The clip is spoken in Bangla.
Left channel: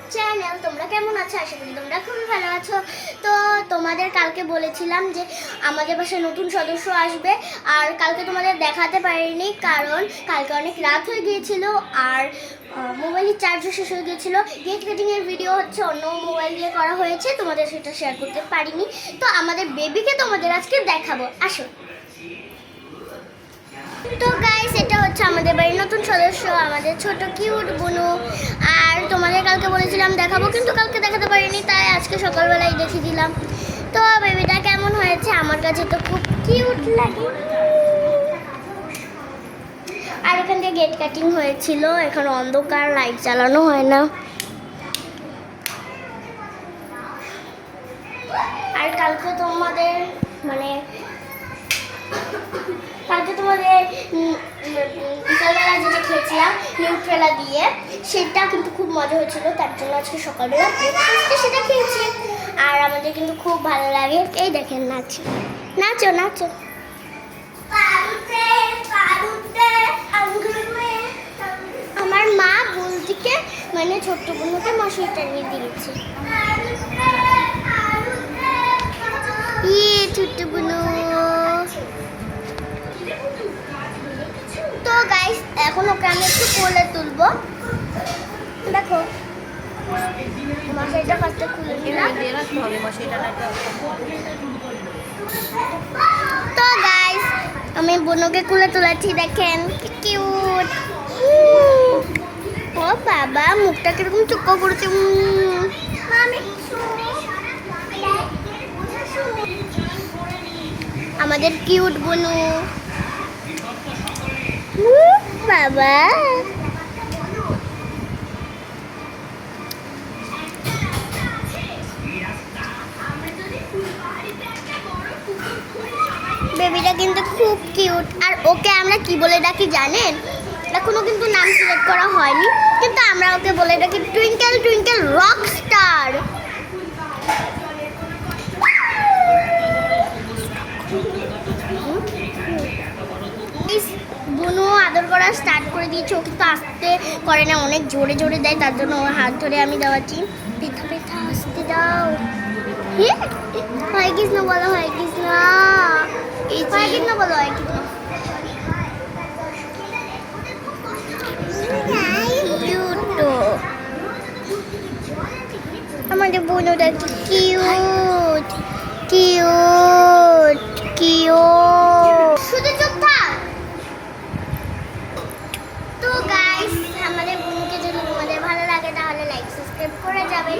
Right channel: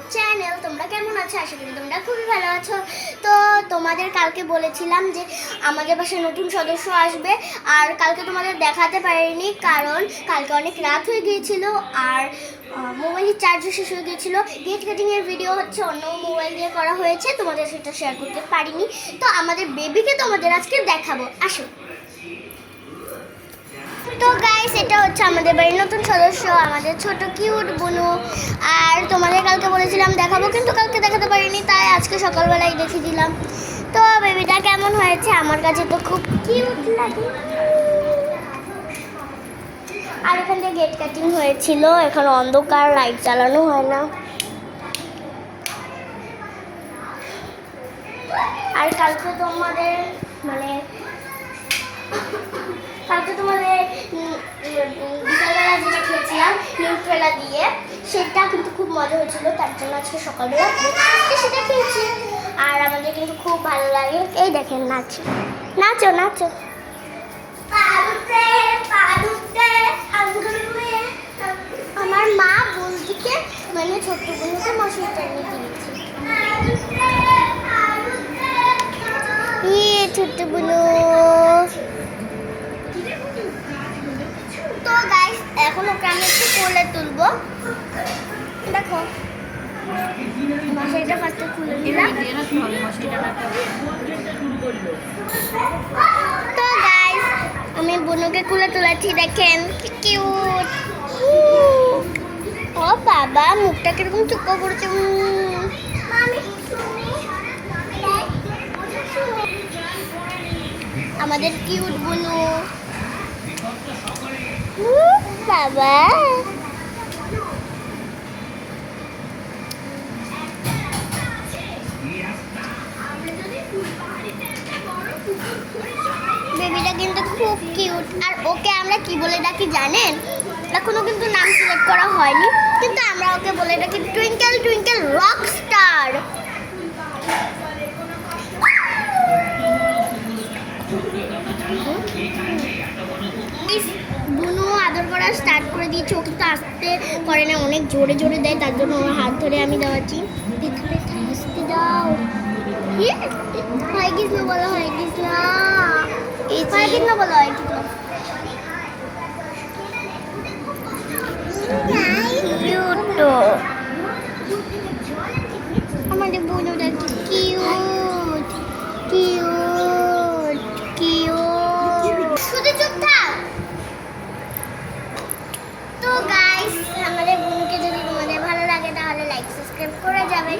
YouTube channel. তোমরা কেমন আছো? আশা করি তোমরা খুবই ভালো আছো। তো তোমাদের কালকে বলেছিলাম যে আমাদের বাসায় নতুন সদস্য আসবে, আর কালকে তোমাদের দেখাতে পারিনি কারণ কালকে অনেক রাত হয়ে গিয়েছিল আর মোবাইলের চার্জও শেষ হয়ে গিয়েছিল। গেট কাটিংয়ের ভিডিও হচ্ছে অন্য মোবাইল দিয়ে করা হয়েছে, তোমাদের সেটা শেয়ার করতে পারিনি। তো আমাদের বেবিকে তোমাদের আজকে দেখাবো, আসো। তো গাইস, এটা হচ্ছে আমাদের বাড়ির নতুন সদস্য, আমাদের ছোট কিউট বুনু। আর তোমাদের কালকে বলেছিলাম দেখাবো, কিন্তু কালকে দেখাতে পারিনি, তাই আজকে সকালবেলায় দেখিয়ে দিলাম। তো বেবিটা কেমন হয়েছে? আমার কাছে তো খুব কিউট লাগে। আর এখান থেকে গেট কাটিং হয়েছিল, এখন অন্ধকার, লাইট চালানো হয় না। আর কালকে তোমাদের বিকালবেলা যেটা খেয়েছিলাম নিউট্রেলা দিয়ে, সেটা কিন্তু খুব মজা হয়েছিল, তার জন্য আজকে সকালবেলা সেটা খেয়েছি। আর আমাদের কিন্তু খুব ভালো লাগে। এই দেখেন, নাচো নাচো নাচো। আমার মা বোনটিকে ছোট্ট বোনকে মশারি টানিয়ে দিয়েছে। ছোট্ট বোনু। তো গাইস, এখন ওকে আমি একটু কোলে তুলবো। দেখো, মশারিটা ফার্স্টে খুলে নিলাম। তো গাইস, আমি বুনুকে কোলে তুলেছি, দেখেন কিউট। ও বাবা, মুখটা কিরকম চুপা করেছে। আমাদের কিউট বুনু। বাবা, বেবিটা কিন্তু খুব কিউট। আর ওকে আমরা কি বলে ডাকি জানেন? এখনো কিন্তু নাম সিলেক্ট করা হয়নি, কিন্তু আমরা ওকে বলে ডাকি টুইঙ্কেল টুইঙ্কেল রক স্টার। বুনু আদর করা স্টার্ট করে দিয়েছে। ও কিন্তু আস্তে করে না, অনেক জোরে জোরে দেয়, তার জন্য ওর হাত ধরে আমি দেওয়াচ্ছি। পিঠা পিঠা আস্তে দাও। হয় কৃষ্ণ বলো, হয় কৃষ্ণ, হয় কৃষ্ণ বলো, হয় কৃষ্ণ। আমাদের বুনুটা কিউট কিউট কিউট। শুধু চুপ থাক। তো গাইস, আমাদের বুনুকে যদি তোমাদের ভালো লাগে তাহলে লাইক সাবস্ক্রাইব করে যাবে।